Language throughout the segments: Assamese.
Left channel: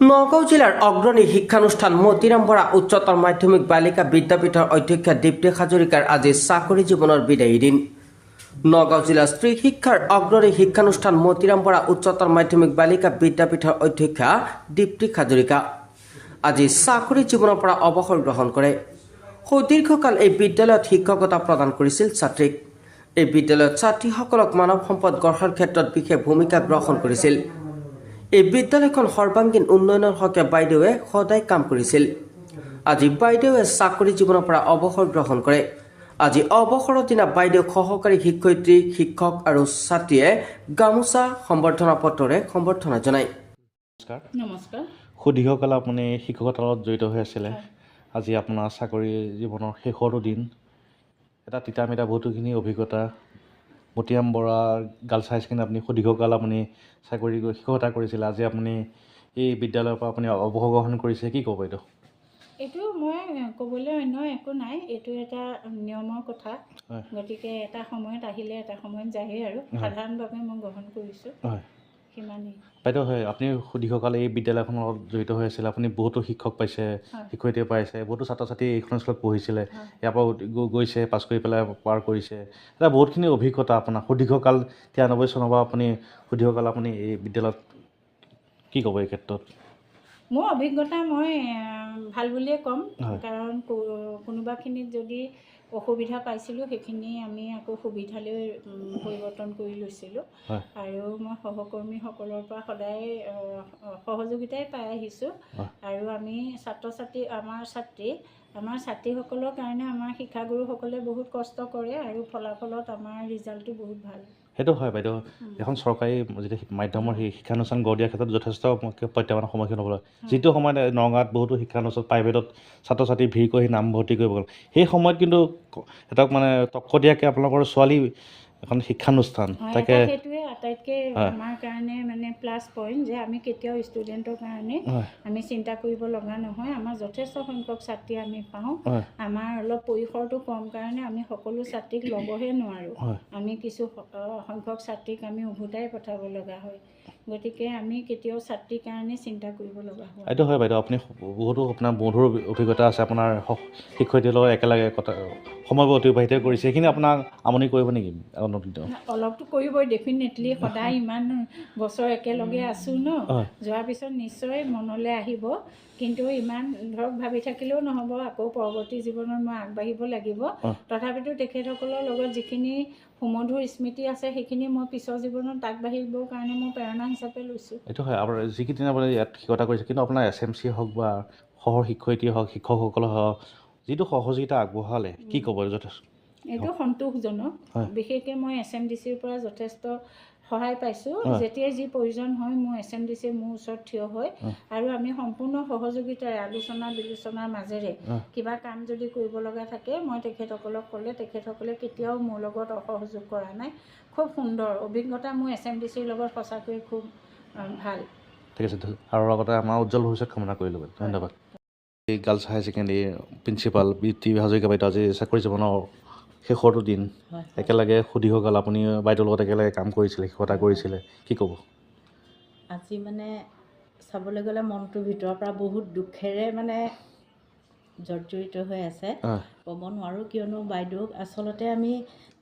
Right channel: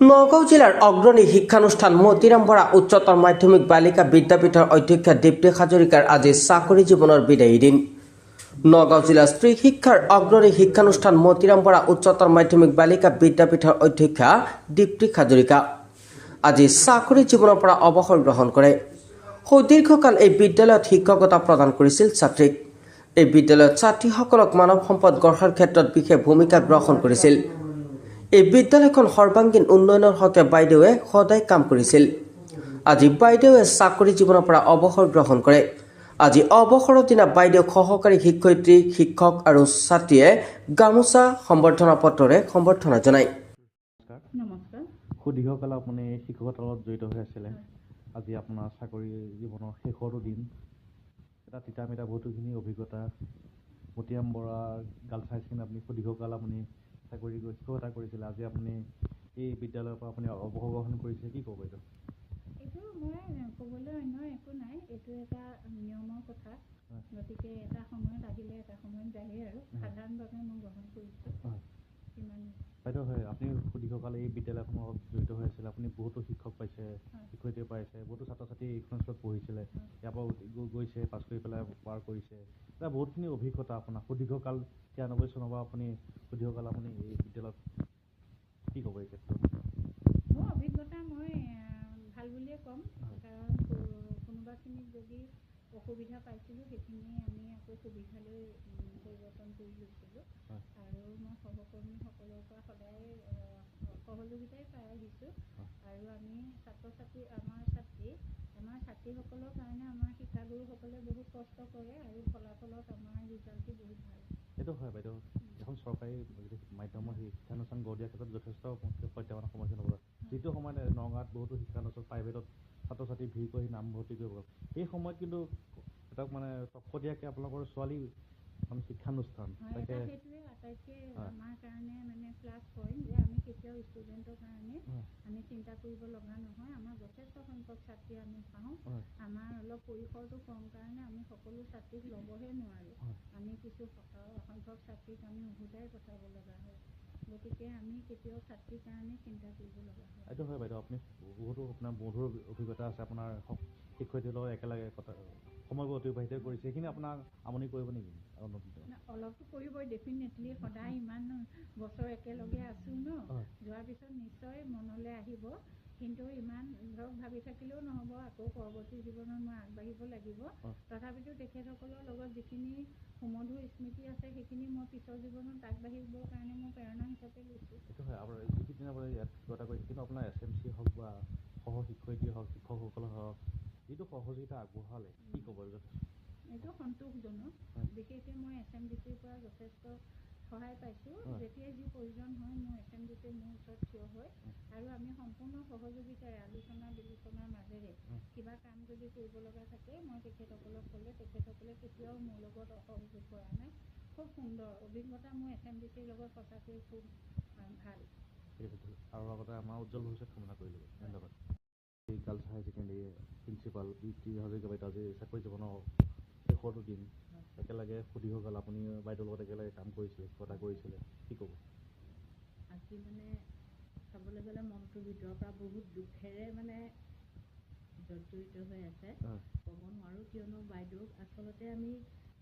নগাঁও জিলাৰ অগ্ৰণী শিক্ষানুষ্ঠান মতিৰাম বৰা উচ্চতৰ মাধ্যমিক বালিকা বিদ্যাপীঠৰ অধ্যক্ষা দীপ্তি হাজৰিকাৰ আজি চাকৰি জীৱনৰ বিদায়ী দিন। নগাঁও জিলা স্ত্ৰী শিক্ষাৰ অগ্ৰণী শিক্ষানুষ্ঠান মতিৰাম বৰা উচ্চতৰ মাধ্যমিক বালিকা বিদ্যাপীঠৰ অধ্যক্ষা দীপ্তি হাজৰিকা আজি চাকৰি জীৱনৰ পৰা অৱসৰ গ্ৰহণ কৰে। সুদীৰ্ঘকাল এই বিদ্যালয়ত শিক্ষকতা প্ৰদান কৰিছিল ছাত্ৰীক। এই বিদ্যালয়ত ছাত্ৰীসকলক মানৱ সম্পদ গঢ়াৰ ক্ষেত্ৰত বিশেষ ভূমিকা গ্ৰহণ কৰিছিল। এই বিদ্যালয়খন সৰ্বাংগীন উন্নয়নৰ হকে বাইদেৱে সদায় কাম কৰিছিল। আজি বাইদেৱে চাকৰি জীৱনৰ পৰা অৱসৰ গ্ৰহণ কৰে। আজি অৱসৰৰ দিনা বাইদেউ সহকাৰী শিক্ষয়িত্ৰী, শিক্ষক আৰু ছাত্ৰীয়ে গামোচা সম্বৰ্ধনা পত্ৰৰে সম্বৰ্ধনা জনায়। নমস্কাৰ। সুদীৰ্ঘকাল আপুনি শিক্ষকতাৰ লগত জড়িত হৈ আছিলে। আজি আপোনাৰ চাকৰি জীৱনৰ শেষৰটো দিন। এটা তিতা মিঠা বহুতোখিনি অভিজ্ঞতা। মতিৰাম বৰা গাৰ্লছ হাই ছেকেণ্ডেৰী আপুনি সুদীৰ্ঘকাল আপুনি শিক্ষকতা কৰিছিলে। আজি আপুনি এই বিদ্যালয়ৰ পৰা আপুনি অৱসৰ গ্ৰহণ কৰিছে, কি ক'ব এইটো? এইটো মই ক'বলৈ অন্য একো নাই, এইটো এটা নিয়মৰ কথা। গতিকে এটা সময়ত আহিলে এটা সময়ত যায়েই আৰু সাধাৰণভাৱে মই গ্ৰহণ কৰিছোঁ। হয় সিমানেই বাইদেউ। হয়, আপুনি সুদীৰ্ঘকাল এই বিদ্যালয়খনৰ লগত জড়িত হৈ আছিলে। আপুনি বহুতো শিক্ষক পাইছে, শিক্ষয়িত্ৰী পাইছে, বহুতো ছাত্ৰ ছাত্ৰী এইখন স্কুলত পঢ়িছিলে, ইয়াৰ পৰা গৈছে, পাছ কৰি পেলাই পাৰ কৰিছে। এটা বহুতখিনি অভিজ্ঞতা আপোনাৰ সুদীৰ্ঘকাল 93 চনৰ পৰা আপুনি সুদীৰ্ঘকাল আপুনি এই বিদ্যালয়ত, কি ক'ব এই ক্ষেত্ৰত? মোৰ অভিজ্ঞতা মই ভাল বুলিয়ে ক'ম, হয় কাৰণ কোনোবাখিনিত যদি অসুবিধা পাইছিলোঁ সেইখিনি আমি আকৌ সুবিধালৈ পৰিৱৰ্তন কৰি লৈছিলোঁ। হয় আৰু মই সহকৰ্মীসকলৰ পৰা সদায় সহযোগিতাই পাই আহিছোঁ। আৰু আমি আমাৰ ছাত্ৰীসকলৰ কাৰণে আমাৰ শিক্ষাগুৰুসকলে বহুত কষ্ট কৰে আৰু ফলাফলত আমাৰ ৰিজাল্টটো বহুত ভাল। সেইটো হয় বাইদেউ। এখন চৰকাৰী যেতিয়া মাধ্যমৰ শিক্ষানুষ্ঠান গঢ় দিয়াৰ ক্ষেত্ৰত যথেষ্ট প্ৰত্যাহ্বানৰ সন্মুখীন হ'ব লাগে। যিটো সময়ত নগাঁৱত বহুতো শিক্ষানুষ্ঠান প্ৰাইভেটত ছাত্ৰ ছাত্ৰী ভিৰ কৰি নামভৰ্তি কৰিব গ'ল, সেই সময়ত কিন্তু এটা তকতীয়াকৈ আপোনালোকৰ ছোৱালী এখন শিক্ষানুষ্ঠান তাকে সেইটোৱে আটাইতকৈ আমাৰ কাৰণে প্লাছ পইণ্ট, যে আমি কেতিয়াও ষ্টুডেণ্টৰ কাৰণে আমি চিন্তা কৰিব লগা নহয়। আমাৰ যথেষ্ট সংখ্যক ছাত্ৰী আমি পাওঁ। আমাৰ অলপ পৰিসৰটো কম কাৰণে আমি সকলো ছাত্ৰীক ল'বহে নোৱাৰোঁ। আমি কিছু সংখ্যক ছাত্ৰীক আমি উভতাই পঠাব লগা হয়। গতিকে আমি কেতিয়াও ছাত্ৰীৰ কাৰণে চিন্তা কৰিব লগা হয়। এইটো হয় বাইদেউ। আপুনি বহুতো আপোনাৰ মধুৰ অভিজ্ঞতা আছে। আপোনাৰ শিক্ষয়িত্ৰীৰ লগত একেলগে সময় অতিবাহিত কৰিছে, সেইখিনি আপোনাক আমনি কৰিব নেকি? অলপতো কৰিবই ডেফিনেটলি। সদায় ইমান বছৰ একেলগে আছোঁ ন, যোৱাৰ পিছত নিশ্চয় মনলৈ আহিব। কিন্তু ইমান ভাবি থাকিলেও নহ'ব, আকৌ পৰৱৰ্তী জীৱনত মই আগবাঢ়িব লাগিব। তথাপিতো তেখেতসকলৰ লগত যিখিনি সুমধুৰ স্মৃতি আছে সেইখিনি মই পিছৰ জীৱনত আগবাঢ়িবৰ কাৰণে মই প্ৰেৰণা হিচাপে লৈছোঁ। এইটো হয়। আপোনাৰ যিকেইদিন আপুনি ইয়াত শিক্ষকতা কৰিছে, কিন্তু আপোনাৰ SMC হওক বা সহ শিক্ষয়িত্ৰী হওক, শিক্ষকসকলে হওক, যিটো সহযোগিতা আগবঢ়ালে, কি ক'ব? যথেষ্ট এইটো সন্তোষজনক। বিশেষকৈ মই SMDCৰ পৰা যথেষ্ট সহায় পাইছোঁ। যেতিয়াই যি প্ৰয়োজন হয় মোৰ SMDC মোৰ ওচৰত থিয় হয় আৰু আমি সম্পূৰ্ণ সহযোগিতাৰে আলোচনা বিলোচনাৰ মাজেৰে কিবা কাম যদি কৰিব লগা থাকে মই তেখেতসকলক ক'লে তেখেতসকলে কেতিয়াও মোৰ লগত অসহযোগ কৰা নাই। খুব সুন্দৰ অভিজ্ঞতা মোৰ SMDCৰ লগত সঁচাকৈয়ে খুব ভাল। ঠিক আছে, আৰু লগতে আমাৰ উজ্জ্বল ভৱিষ্যত কামনা কৰিলোঁ। ধন্যবাদ। এই গাৰ্লছ হাই ছেকেণ্ডেৰী প্ৰিন্সিপাল দীপ্তি হাজৰিকা বাইদেউ আজি চাকৰি জীৱনৰ শেষৰটো দিন। একেলগে সুদীৰ্ঘকাল আপুনি বাইদেউৰ লগত একেলগে কাম কৰিছিলে, শিক্ষকতা কৰিছিলে, কি ক'ব? আজি চাবলৈ গ'লে মনটোৰ ভিতৰৰ পৰা বহুত দুখেৰে জৰ্জৰিত হৈ আছে। ক'ব নোৱাৰোঁ, কিয়নো বাইদেউক আচলতে আমি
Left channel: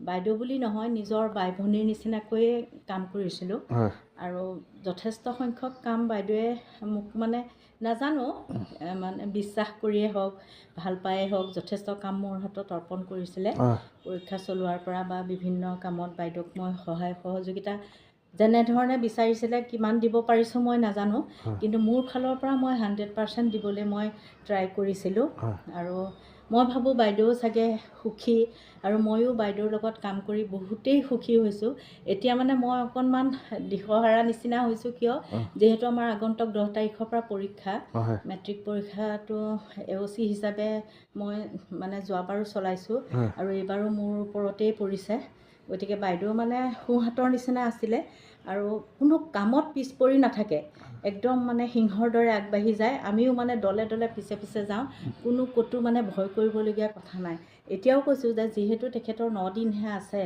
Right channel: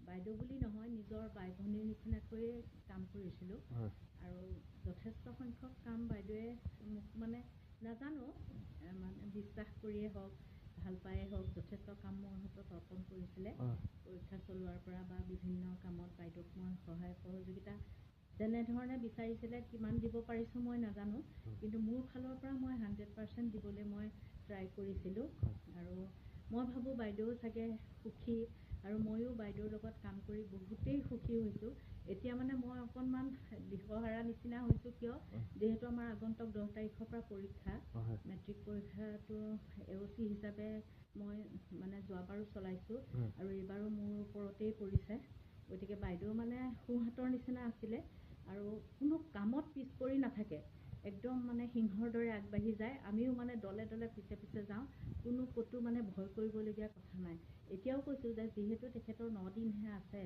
বাইদেউ বুলি নহয়, নিজৰ বাই ভনীৰ নিচিনাকৈয়ে কাম কৰিছিলোঁ। আৰু যথেষ্ট সংখ্যক কাম বাইদেৱে মোক নাজানো, বিশ্বাস কৰিয়ে হওক, ভাল পায়েই হওক, যথেষ্ট কাম মোৰ হাতত অৰ্পণ কৰিছিলে। পৰীক্ষা চলোৱাৰ পৰা বা বিভিন্ন কামত বাইদেউক মই সহায় সহযোগিতা যেনেধৰণে বিচাৰিছিলে কিমান দিব পাৰিছোঁ মই নাজানো, কিন্তু মোৰ ফালৰ পৰা মই 100% দিবলৈ মই ট্ৰাই কৰিছিলোঁ। আৰু মই ভাবোঁ বাইদেউ চাগে সুখী, আৰু ময়ো বাইদেউৰ লগত কাম কৰি বহুতেই সুখী হৈছোঁ। এতিয়া মই অকণমান দিশহাৰা নিচিনা হৈছোঁ, কিয় যিহেতু আমাৰ আগন্তুক 10 তাৰিখৰ পৰা পৰীক্ষা, মেট্ৰিক পৰীক্ষাটো AOC হিচাপে মই যোৱাবাৰো চলাইছোঁ আৰু এইবাৰো মোৰ ওপৰতেই পৰিছে। গতিকে বাইদেউ সোঁহাতৰ নিচিনা আছিলে আৰু কোনো কামত পিছ পৰি নাথাকে, একদম সিংহৰ দৰে আগবাঢ়ি যায়। আমিও দলে দলে পিছে পিছে যাওঁ, কোনো ক'তো ভয় কৰিবলগীয়া কথা নাই। এতিয়াও কৈছোঁ যে যিহেতু তেখেতৰ 9 দিনহে আছে,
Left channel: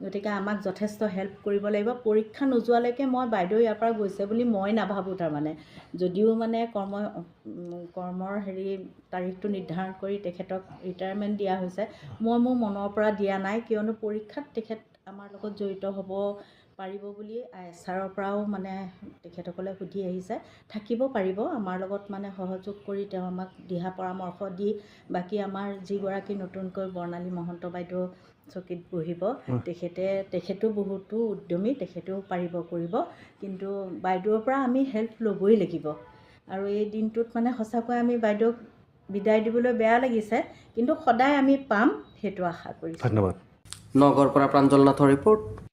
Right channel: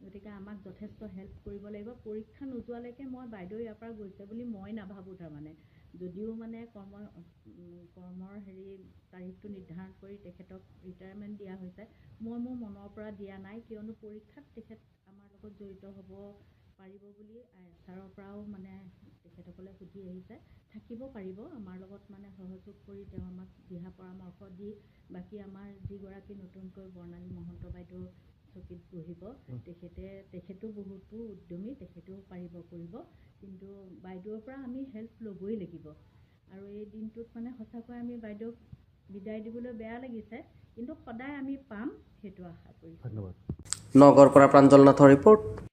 গতিকে আমাক যথেষ্ট হেল্প কৰিব লাগিব। পৰীক্ষা নোযোৱালৈকে মই বাইদেউ ইয়াৰ পৰা গৈছে বুলি মই নাভাবোঁ। তাৰমানে যদিও মানে কৰ্মৰ তাৰিখটো নিৰ্ধাৰণ কৰি তেখেতক ৰিটায়াৰমেণ্ট দিয়া হৈছে, মই মোৰ মনৰ পৰা দিয়া নাই, কিয়নো পৰীক্ষাত তেখেত আমাৰ লগত জড়িত হ'ব পাৰিব বুলি ISRৰ পৰাও মানে তেখেতসকলে সুধি আহিছে। থাকিব পাৰিব আমাৰ লগত, মানে সহযোগ কৰি তেওঁ আমাক দিহা পৰামৰ্শ দি, বাকী আমাৰ যিগৰাকী নতুনকৈ বৰ্ণালী মহন্ত বাইদেউ চকীত বহিব, তেখেতো বহুতো উদ্যমী, তেখেতেও পাৰিব কৰিব, কিন্তু বাইদেউৰ পৰা আমি হেল্প ল'বই লাগিব। আৰু এই দিনটোত মানে সঁচাকৈ আমি বাইদেউক বিদায় দিবলৈ বেয়া লাগিছে, কিন্তু সদায় আমি পাম সেইটো আশা কৰিছোঁ। ধন্যবাদ। নগৰৰ পৰা প্ৰাঞ্জল নাথৰ ৰিপৰ্ট।